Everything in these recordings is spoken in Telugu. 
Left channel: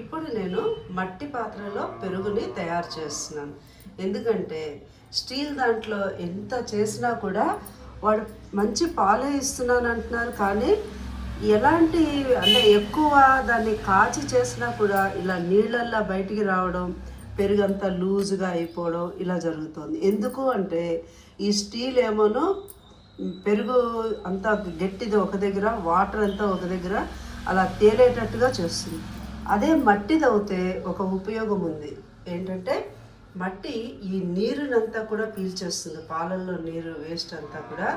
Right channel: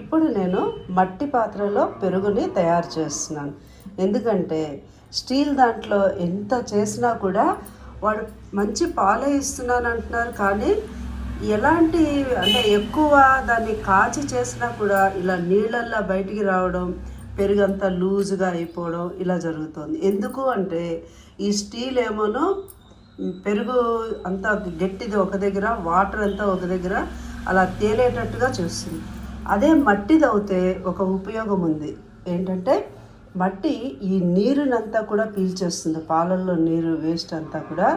ఇప్పుడు నేను మట్టి పాత్రలో పెరుగుని తయారు చేస్తున్నాను. ఎందుకంటే స్టీల్ దాంట్లో ఎంత చేసినా కూడా వాడు మంచి పాలే ఇస్తున్నాను అంటున్నారు, కానీ ఎలాంటి అంటే ఎక్కువ దాన్ని కాచి చేసినా కూడా ఇలా నీళ్ళల్లా బయటికి రావడం, పెరుగంతా లూజుగా అయిపోవడం ఇలా జరుగుతుంది. ఎందుకు అంటే ఈ స్టీల్ ఏమోనో పెరుగు అంతా గట్టిది ఒక దగ్గర, వాటర్ అంతా ఒక దగ్గర అలా తేలేటట్టుగా చేస్తుంది. అదే మట్టిది అయితే ఒక ఉపయోగం ఉంది. ఏంటంటే మట్టి ఈ నీరునంతా కూడా పీల్చేస్తుంది. పాలల్లో నీరు వేస్ట్ అంతా కూడా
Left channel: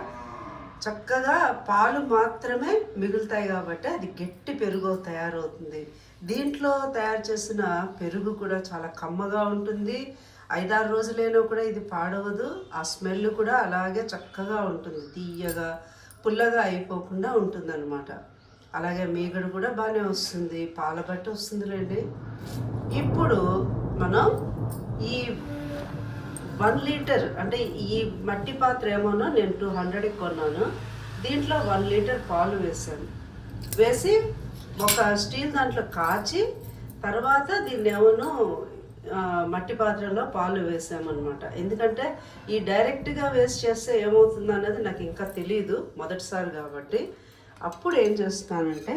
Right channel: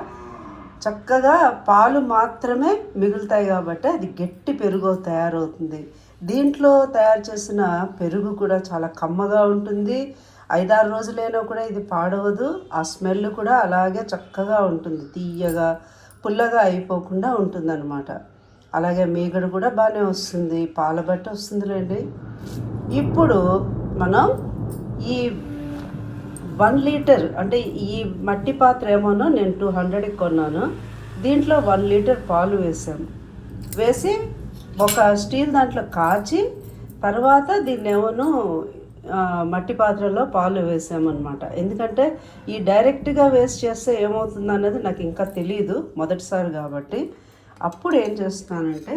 చక్కగా పాలు మాత్రమే మిగులుతాయి కాబట్టి అది గట్టి పెరుగు తయారవుతుంది. దీంట్లో తయారు చేసిన పెరుగు కూడా చాలా కమ్మగా ఉంటుంది. 5-6 రోజులైనా కూడా ఇది పాడవదు. ఆ స్మెల్ కూడా అలాగే చక్కగా ఉంటుంది. తీయగా పుల్లగా అయిపోకుండా ఉంటుందన్నమాట. అలాగే మీగడ కూడా బాగానే వస్తుంది, పాల బట్టి వస్తుందిలేండి. ఇప్పుడు మనం ఈ 1 లీటర్ అంటే ఈ మట్టి పాత్ర ఏమోనో నేను 200కి కొన్నాను. దీంట్లో 1 లీటర్ పాలు వేసి ఒక స్టీల్ దాంట్లో కాచి తర్వాత దీన్ని ఏమోనో మట్టి పాత్రలో పాలు వేసామన్నమాట. ఎందుకంటే ఈ డైరెక్ట్గా వేస్ట్ చేస్తే ఏమవుతుంది అన్నది నాకు ఇంకా తెలియదు, మొదటిసారి కాబట్టి. అప్పుడు ఏం చేస్తున్నానంటే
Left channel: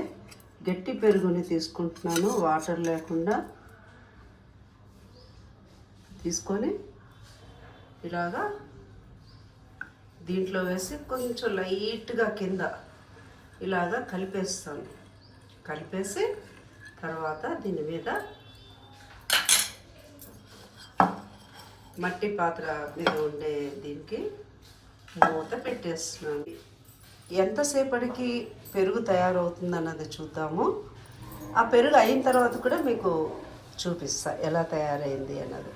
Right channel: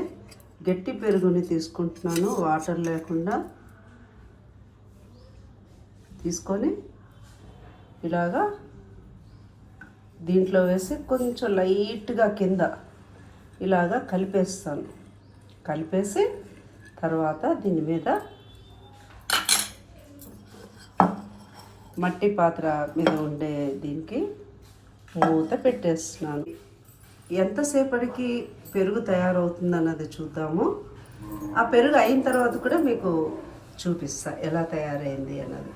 గట్టి పెరుగుని తీసుకుంటున్నాను, వాటర్ లేకుండా తీసుకొని ఇలాగా దీంట్లో వేసి కొంచెం లైట్గా కింద ఇలాగా కలిపేస్తాను. కలిపేసి తర్వాత దీని మీద మట్టి పాత్ర మీద ఉండే దీనికి మూత పెట్టేస్తున్నాను. ఎంతసేపటికి పెరుగు తయారవుతుంది అన్నది చూద్దాము. ఆ పెరుగు అయిన తర్వాత కూడా మీకు చూపిస్తా ఎలా తయారైంది అన్నది.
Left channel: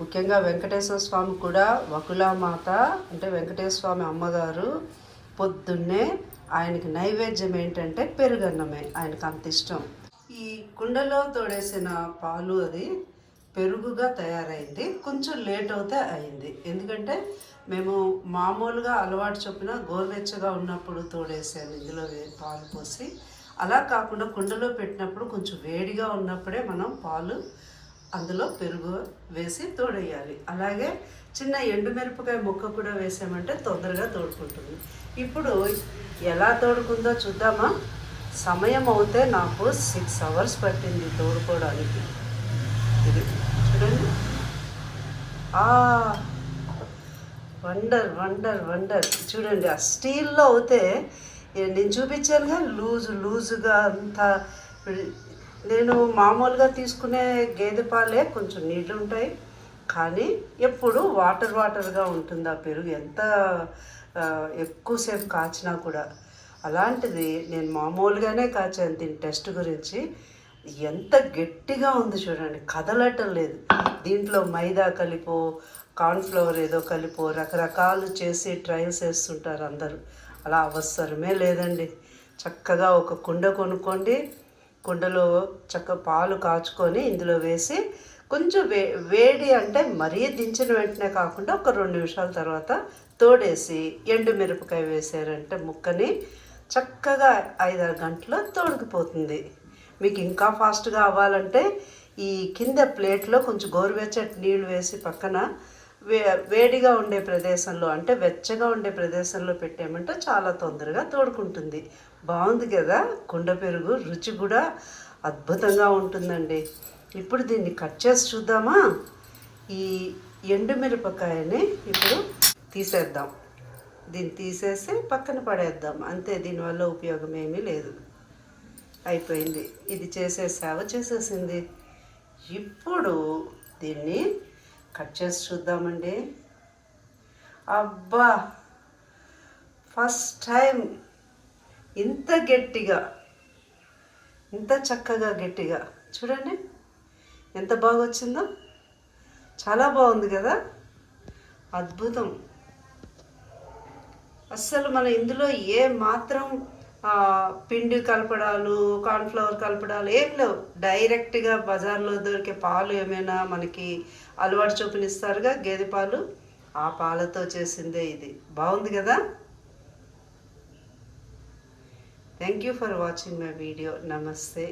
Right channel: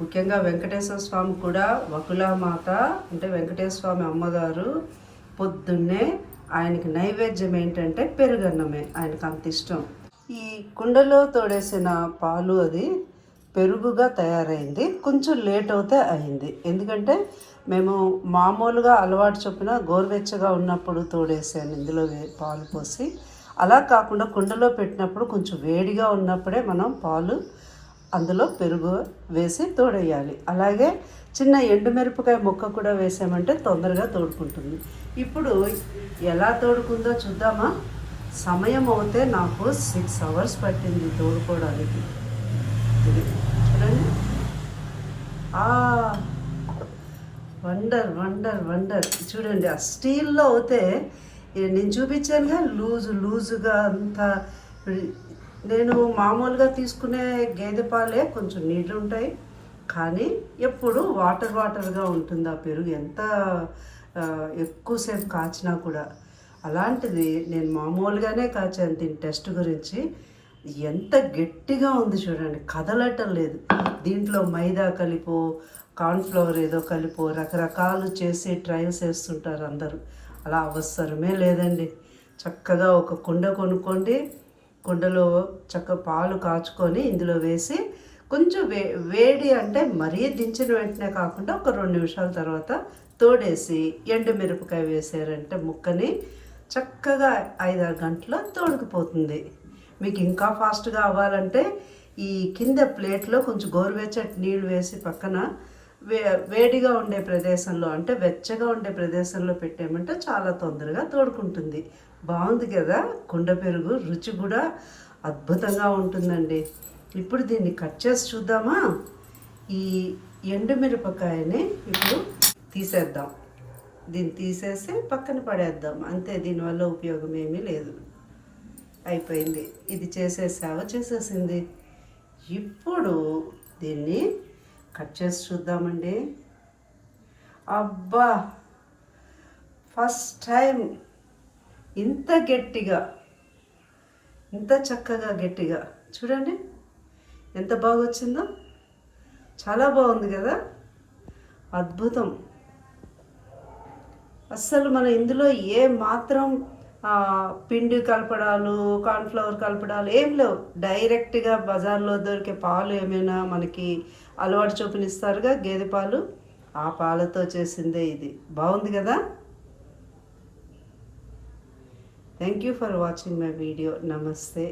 ముఖ్యంగా వెంకటేశ్వర స్వామి కూడా వకులామాత అంటే వెంకటేశ్వర స్వామి అమ్మగారు పొద్దున్నే ఆయనకి నైవేద్యం ఏంటంటే పెరుగన్నమే. ఆయనకు అంత ఇష్టం. ఈ కుండలో తోడేసిన పాలు అది పెరుగుగా తయారైంది. కొంచెం లేట్ అవుతే అయింది. ఎందుకంటే మేము మామూలుగా అలవాటు చొప్పున గోరువెచ్చగా ఉన్నప్పుడు తోడేసాను ఇందులో పాలు పోసి. అలా కాకుండా కుండలో పెట్టినప్పుడు కొంచెం వేడిగా ఉన్నప్పుడే మనం పాలు అందులో పెరుగు వేసి తోడేయాలి. అలాగే చిన్న ఎండుమిరపకాయ ముక్క కూడా వేసామంటే తొందరగా తోడుకుంటుంది. ఇప్పుడు ఎలా తోడుకుందో చూద్దామా. సమయం అవుతే నాకు 6 hours పట్టింది తోడుకోవడానికి. ఇది చూడండి. Wonder wonder wonder. చూడండి, ఆ స్టీల్లో అయితే నేను చూపించానుగా లూజుగా అంతా. నేను మామూలుగా తీసుకునే గేదె పాలే కొంచెం నీళ్ళు ఉంటాయి, కానీ ఎప్పుడు వాటర్గా ఉంటుంది ఆ పెరుగు. ఎంత ఎక్కువసేపు కాచినా కూడా. అలాంటిది నేను మామూలుగానే కాచాను దీని టెస్ట్ గురించి. ఎంత గట్టిగా ఉంది చూడండి, కదలటం లేదు. దీంట్లో మైదా కలిపో కార్న్ఫ్లవర్ ఏదో కలిపో రకరకాలు చేసి ట్రయల్స్ వేస్తుంటారు అందరూ. అలా అవసరమే లేదండి. చక్కగా ఒక కుండ కొనుక్కోండి, కుండలో పాలు కాచుకొని ఇందులో వేసి కొంచెం వేడి అంటే మరీ దించిన వెంటనే కాకుండా ఒక 2 నిమిషాల తర్వాత తోడేసి ఎండుమిరపకాయ వేసారంటే ముక్కని చక్కగా 5-6 గంటల్లో తోడుకుపోతుంది. మీకు ఇంకా ఫాస్ట్గా అవ్వాలంటే ఈ కింద ప్లేట్లో కొంచెం గోరువెచ్చటి నీళ్ళు వేసి పక్కన వేడిగా ఉండే ప్రదేశంలో అంటే వెచ్చగా ఉండే ప్రదేశంలో పెట్టామంటే చాలా తొందరగా తోడుకుంటుంది. బాగుంది కదా కుండ పెరుగు. రుచి కూడా అద్భుతంగా ఉంటుందండి. ఇప్పుడు దీన్ని కట్ చేసి చూద్దామా. ఈ ఎండుమిరపకాయని ఇప్పుడు తీసేద్దాం. దీన్ని తీసేసి పక్కన పడేద్దాం అంతే. దీనివల్ల ఉపయోగం ఏమీ లేదు. అయిపోయింది. ఇది చేసేసింది. ఇప్పుడు దీన్ని కట్ చేసి చూద్దామండి. అబ్బా, ఫస్ట్ టైం ఇంత గట్టిగా, ఇంత చక్కగా గట్టిగా. చూడండి ఎంత బాగా వచ్చిందో. చాలా బాగుంది కదా, అద్భుతం. అస్సలు మనం ఇందులో ఏ మాత్రం పిండి కలపడాలు, కార్న్ఫ్లవర్ కలపడాలు ఏం లేవు. డైరెక్ట్గా బజార్లో దొరికే పాలు ఏమైనా మనకి అలవాటు చూపినిస్తారుగా గేదె పాలు, ఆ పాలతో చేసిందే ఇది. బాగుంది కదా. Thank you for watching my video. నమస్తే.